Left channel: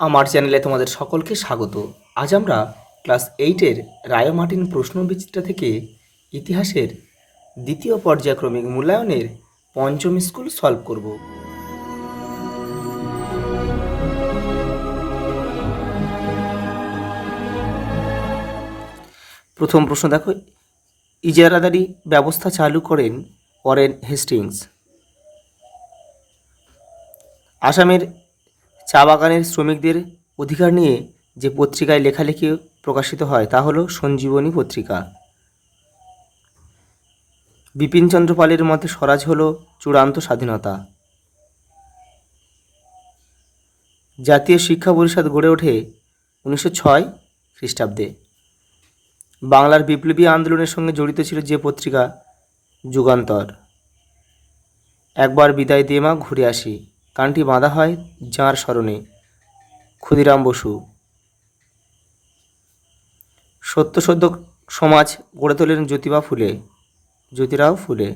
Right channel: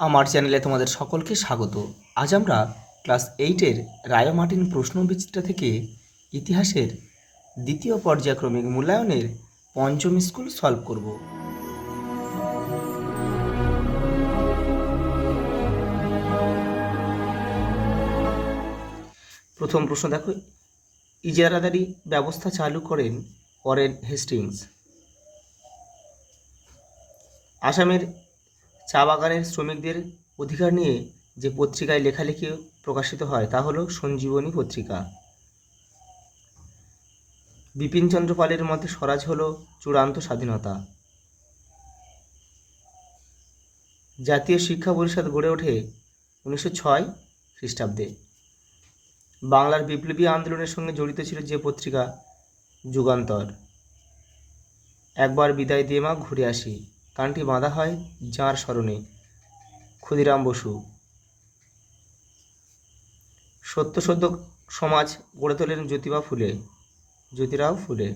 আমার চ্যানেলে তোমাদের সকলকে স্বাগত। আজ আমরা ক্লাস 8-এর রায় মার্টিন প্রশ্নবিচিত্রা থেকে ইতিহাসের দ্বিতীয় পর্যায়ক্রমিক মূল্যায়নের পঞ্চম স্কুল সলভ করব। প্রথম প্রশ্ন দেখো, ইজারাদারি ব্যবস্থা চালু করেন ওয়ারেন হেস্টিংস। আসামের চা বাগানের শ্রমিকদের অধিকার নিয়ে যে পত্রিকায় লেখালেখি প্রকাশিত হয় তা হলো সঞ্জীবনী পত্রিকা। বিপিনচন্দ্র পালের মতে স্বরাজ হলো চূড়ান্ত স্বাধীনতা। জাতীয় শিক্ষা পরিষদ গড়ে ওঠে 1906 খ্রিস্টাব্দে। বাংলার বিপ্লবী আন্দোলনের সঙ্গে জড়িত ছিল যে পত্রিকা, যুগান্তর। একবার বিদায় দিয়ে মা ঘুরে আসি গানটি বাঁধা হয় যাঁর স্মরণে, ক্ষুদিরাম বসু। সত্য সমাজ গড়ে তোলেন জ্যোতিরাও ফুলে।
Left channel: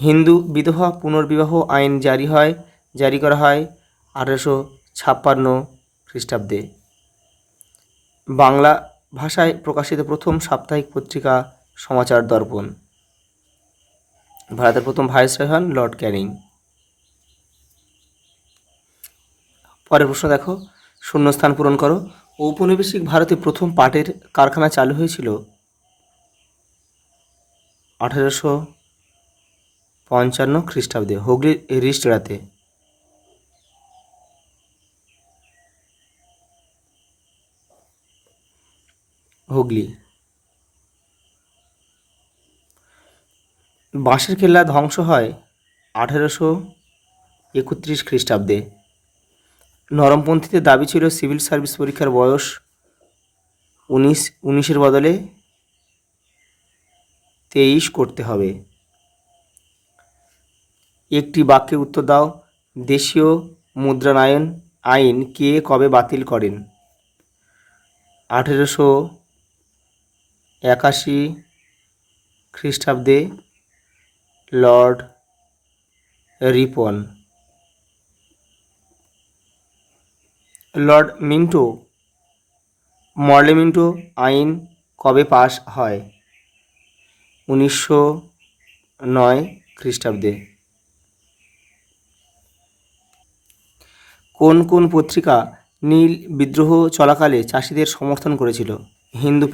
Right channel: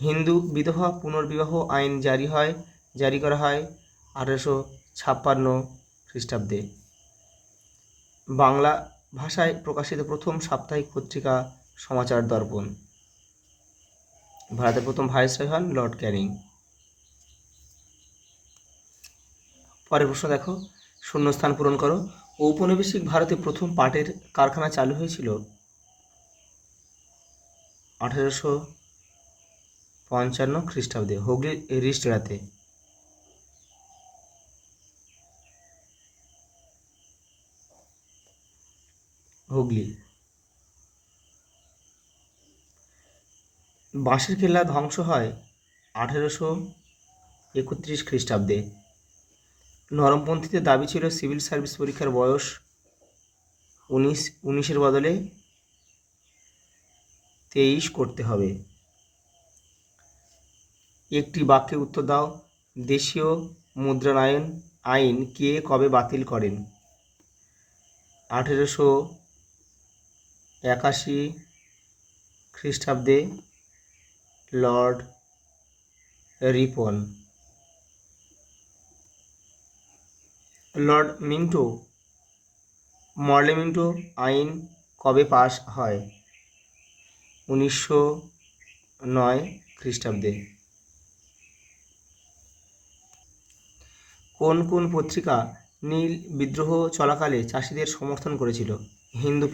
হিন্দু বিধবা পুনর্বিবাহ আইন জারি করা হয় 1856 খ্রিস্টাব্দে। বাংলা ভাষায় প্রকাশিত প্রথম সাপ্তাহিক পত্রিকা সমাচার দর্পণ। ভারতের প্রথম ভাইসরয় হন লর্ড ক্যানিং। পরের প্রশ্ন দেখো, শূন্যস্থান পূরণ করো। ঔপনিবেশিক ভারতে প্রথম পাটের কারখানা চালু হয়েছিল 1855 খ্রিস্টাব্দে হুগলির রিস্টরাতে। হুগলি। বাঁশের কেল্লা ধ্বংস হয় 1831 খ্রিস্টাব্দে। নরমপন্থীদের দাবি ছিল সিভিল সার্ভিস পরীক্ষার বয়স 19-এর বদলে 23 করতে হবে। একটি বাক্যে উত্তর দাও, দেশীয় মুদ্রায়ন আইন কে কবে বাতিল করেন? 1881 খ্রিস্টাব্দে Lord Ripon. Lord Morley Minto আইন কবে পাস হয়? 1909 খ্রিস্টাব্দে। কোন কোন পত্রিকা নীল বিদ্রোহ চলাকালে চাষিদের সমর্থন করেছিল? হিন্দু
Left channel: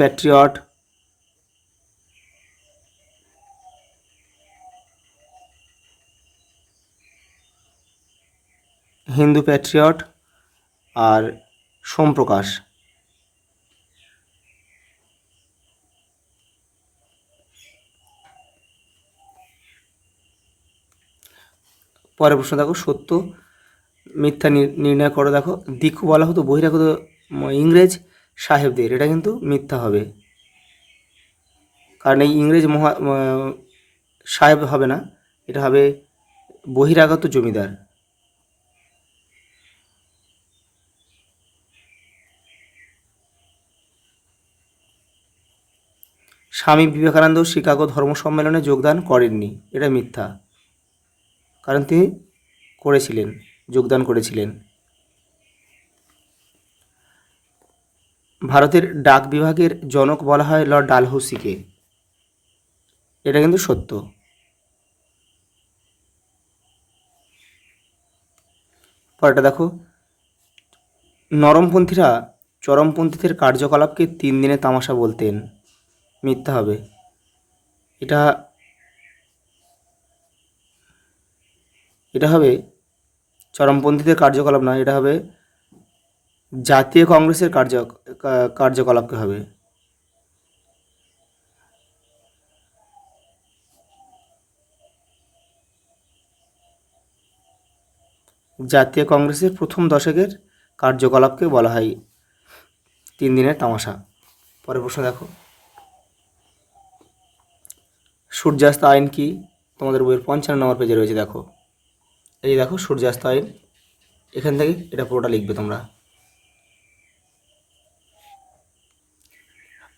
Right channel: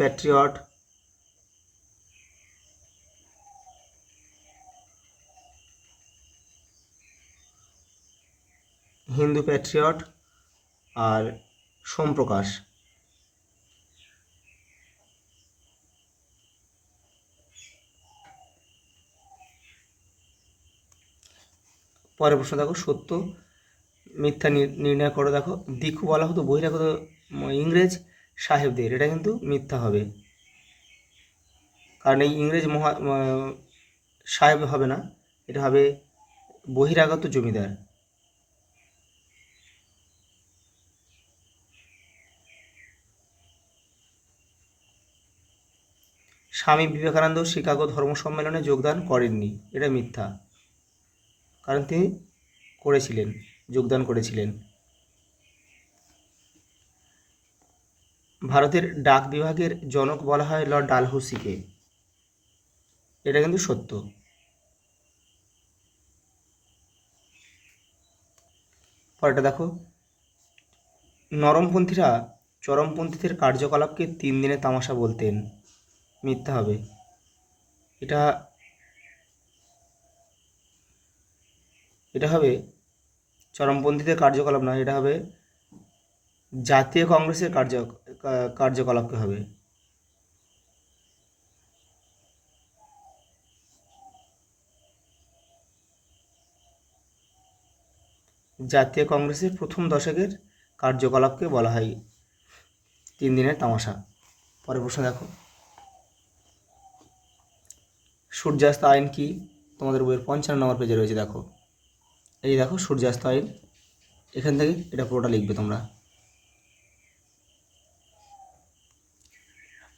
প্যাট্রিয়ট আর সোমপ্রকাশ। পরের প্রশ্ন দেখো, সত্য মিথ্যা নির্ণয় করো। দেখো, দীক্ষু বলা হতো বহিরাগত ইংরেজ সাহেবদের, এটা কিন্তু মিথ্যা হবে, কারণ এই ইংরেজ সাহেব হবে না, এটা হবে বহিরাগত জমিদার। স্বামী বিবেকানন্দ শিকাগো ধর্ম সম্মেলনে যোগদান করেননি, এটা মিথ্যা, কারণ তিনি যোগদান করেছিলেন। ভারতের ডাক বিভাগের জনক বলা হয় লর্ড ডালহৌসিকে, এটা কিন্তু সত্য। পরেরটা দেখো, নরমপন্থীরা চরমপন্থীদের কার্যকলাপকে 3 দিনের তামাশা বলতেন, মিথ্যা হবে। এটা হবে চরমপন্থীদের কার্যকলাপ না, এটা হবে জাতীয় কংগ্রেসের কার্যকলাপকে হবে। জাতীয় কংগ্রেসের প্রথম দশকের কার্যকলাপকে বলা হয় 3 দিনের তামাশা। পরের প্রশ্ন দেখো, সূর্যাস্ত আইন কি? তোমাদের বইয়ের 55 নম্বর পেজে রয়েছে। দেখো, এই দেখো সূর্যাস্ত আইন, এখান থেকে এটা পুরোটা লিখবে তোমরা।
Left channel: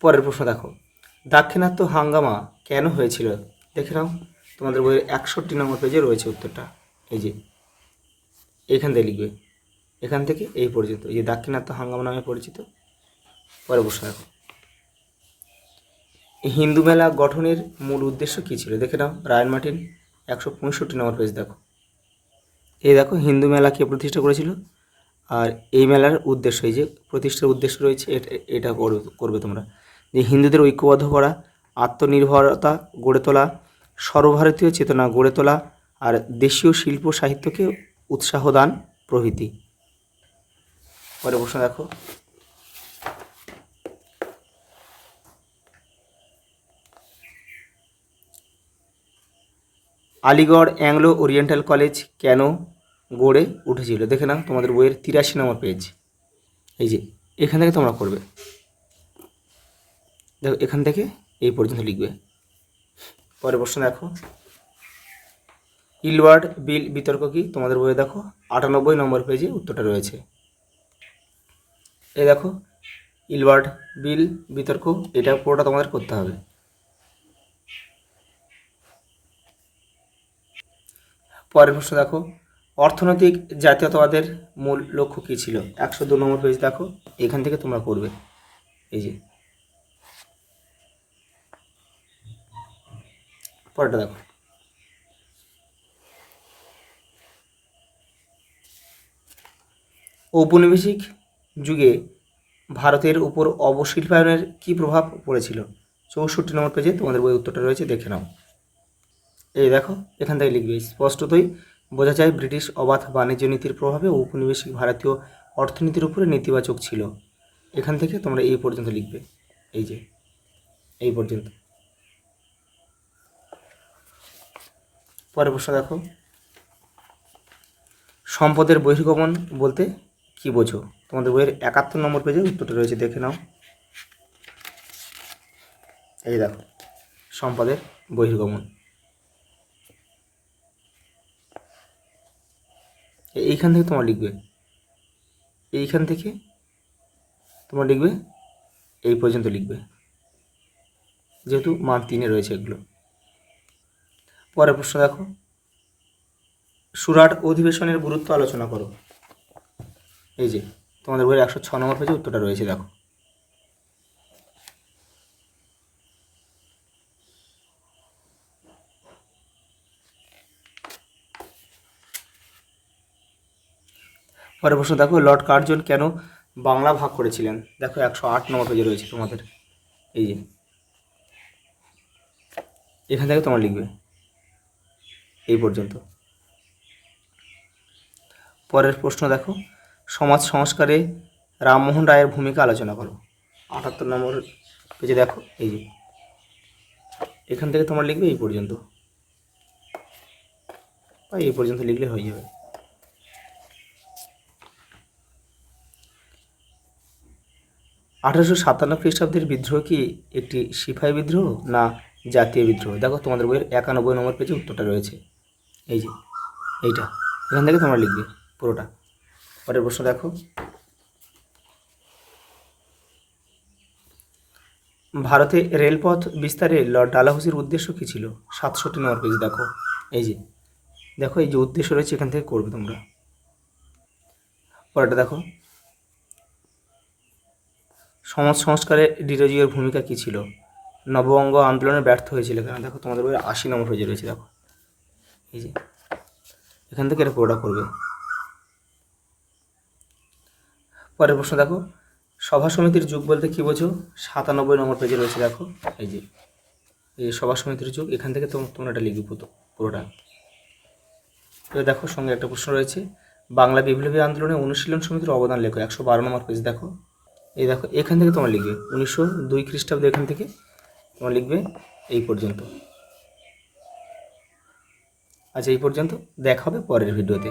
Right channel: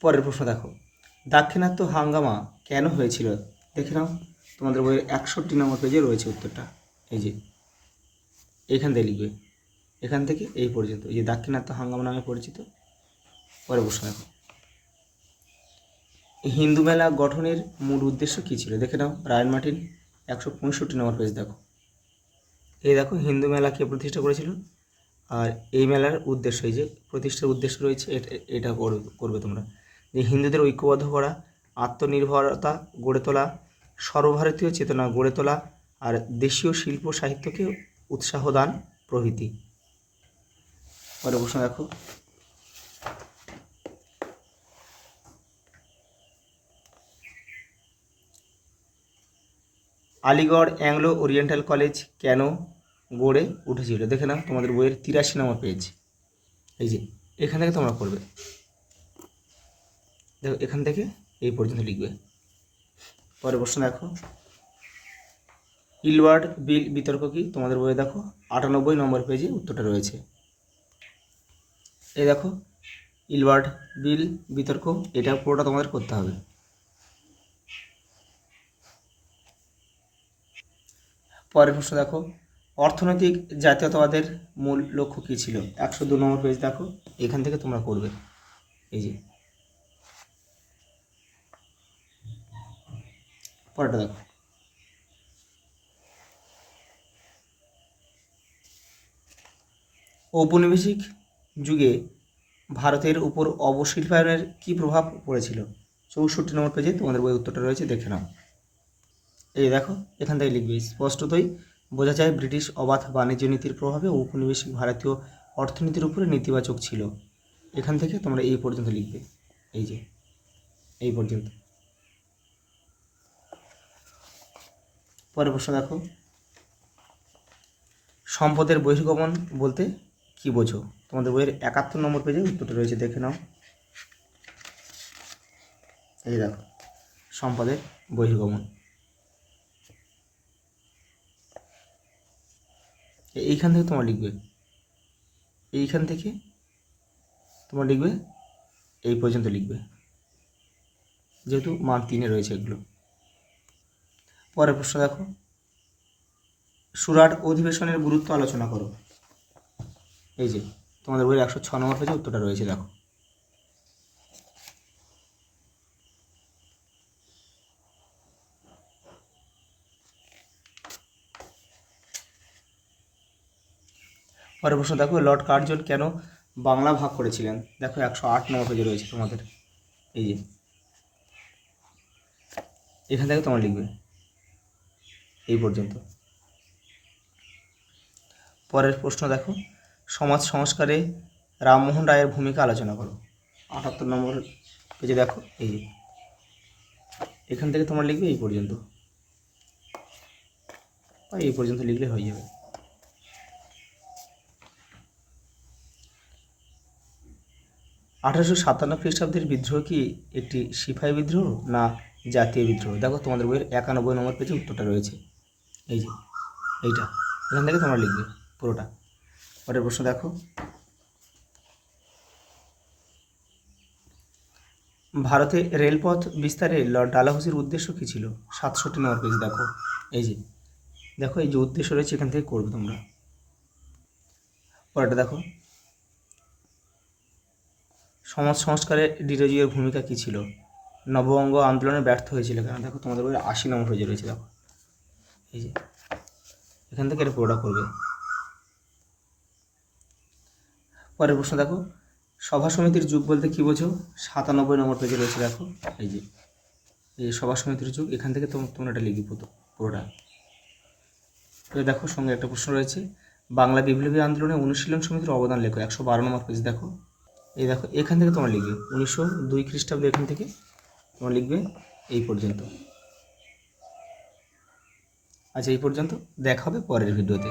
পরের প্রশ্ন দেখো, দাক্ষিণাত্য হাঙ্গামা কেন হয়েছিল? দেখে নাও, তোমাদের বইয়ের 61 নম্বর পেজে রয়েছে উত্তরটা, এই যে এইখান থেকে লিখবে। এখান থেকে এই পর্যন্ত, এই যে দাক্ষিণাত্য হাঙ্গামা নামে পরিচিত। পরে প্রশ্ন দেখো, এই হিন্দু মেলা গঠনের মূল উদ্দেশ্য কী ছিল? দেখে নাও রায়ন মার্টিন 165 নম্বর পেজ দেখো। এই দেখো হিন্দু মেলা কে প্রতিষ্ঠা করেছিল, আর এই মেলার উদ্দেশ্য, এই যে প্রতিষ্ঠার উদ্দেশ্য রয়েছে, এটা করবে তোমরা, যে হিন্দুদের ঐক্যবদ্ধ করা, আত্মনির্ভরতা গড়ে তোলা, সর্বভারতীয় চেতনা গড়ে তোলা, আর দেশীয় শিল্প সাহিত্যকে উৎসাহ দান প্রভৃতি। পরে প্রশ্ন দেখো, আলিগড় অ্যাংলো ওরিয়েন্টাল কলেজ কেন গড়ে উঠেছিল? দেখে নাও তোমাদের বইয়ের 83 নম্বর পেজ। এই যে এখান থেকে তোমরা করবে, দেখো এখান থেকে এই পর্যন্ত লিখবে। পরে প্রশ্ন দেখো, ইলওয়ার্ড বিল বিতর্ক কি? তোমাদের বইয়ে দেখো 98 নম্বর পেজে উত্তরটা রয়েছে। এই দেখো ইলওয়ার্ড বিল বিতর্ক, এটা পুরোটা তোমাদের করতে হবে। পরের প্রশ্ন দেখো, অর্থনৈতিক জাতীয়তাবাদের মূল লক্ষ্য কী ছিল? 102 নম্বর পেজ দেখো, এখান থেকে তোমরা করবে। এই যে পরেরটা দেখো, ঔপনিবেশিক যুগে ভারতের উপর অবশিল্পায়নের কী প্রভাব পড়েছিল? 64 নম্বর পেজে তোমাদের বই উত্তরটা রয়েছে, দেখে নাও। এই দেখো এখান থেকে লিখবে, স্পষ্টতই বোঝা যায় ব্রিটিশ অবাধ বাণিজ্য নীতির প্রভাবে ঔপনিবেশিক ভারতীয় অর্থনীতির উপরে নেতিবাচক ছিল। এখান থেকে তোমরা এই পর্যন্ত লিখবে, এই যে এই পর্যন্ত। পরের প্রশ্ন দেখো, সম্পদের বহির্গমন বলতে কি বোঝো? তোমাদের বইয়ের 71 নম্বর পেজে উত্তরটা রয়েছে, দেখে নাও। এই দেখো সম্পদের বহির্গমন, এইখান থেকে তোমরা লিখবে, এইখান থেকে তোমরা লিখবে এই পর্যন্ত লিখবে, যেহেতু মান 3-এ রয়েছে এগুলো। পরের প্রশ্ন দেখো, সুরাট অধিবেশনের গুরুত্ব আলোচনা করো। এই যে তোমাদের বইয়ের 106 নম্বর পেজে উত্তরটা রয়েছে, দেখো। পরের প্রশ্ন দেখো, লর্ড কার্জন কেন বাংলা ভাগ করেছিলেন? দেখো 108 নম্বর পেজে রয়েছে তোমাদের, এই যে এখান থেকে তোমরা লিখবে এই পর্যন্ত। পরের প্রশ্ন দেখো, সমাজ সংস্কারে রামমোহন রায়ের ভূমিকা আলোচনা করো। 78 নম্বর পেজে দেখো, এই যে এখান থেকে তোমরা লিখবে এই পর্যন্ত, বা এই পর্যন্ত লিখলে হয়ে যাবে। 1857 খ্রিস্টাব্দের বিদ্রোহ কি একটি সিপাহী বিদ্রোহ না জাতীয় বিদ্রোহ? দেখো তোমাদের বইয়ের 91 নম্বর পেজে উত্তরটা রয়েছে, এই যে এইটা, এখান থেকে তোমরা লিখবে পুরোটা। পরের প্রশ্ন দেখো, ভারতে রেলপথ বিস্তারে লর্ড ডালহৌসির উদ্দেশ্য কী ছিল? 67 নম্বর পেজ দেখো, এই যে দেখো এই যে উদ্দেশ্য রয়েছে, এখান থেকে করবে তোমরা। পরেরটা দেখো, সমাজ সংস্কারে ডিরোজিওর ভূমিকা কী ছিল? নববঙ্গ আন্দোলনে ব্যর্থ হয়েছিল কেন? দেখো তোমাদের বইয়ের 80 নম্বর পেজে রয়েছে, দেখো এই যে এখান থেকে এটা পুরোটা করবে। পরের প্রশ্ন দেখো, সভা সমিতির যুগ বলতে কী বোঝো? 97 নম্বর পেজে রয়েছে, দেখো এই যে এই সভা সমিতির যুগ, এখান থেকে তোমরা এটা লিখবে পুরোটা। তো দেখো সঙ্গে একটা প্রশ্ন রয়েছে, বাংলা বিপ্লবী আন্দোলনে অনুশীলন সমিতির অবদান লেখো। 112 নম্বর পেজ দেখো, এই দেখো এখান থেকে তোমরা লিখবে 1902 খ্রিস্টাব্দ, এখান থেকে তোমরা লিখবে এই পর্যন্ত। আচ্ছা এই পর্যন্ত, দেখা হবে পরের ভিডিওতে।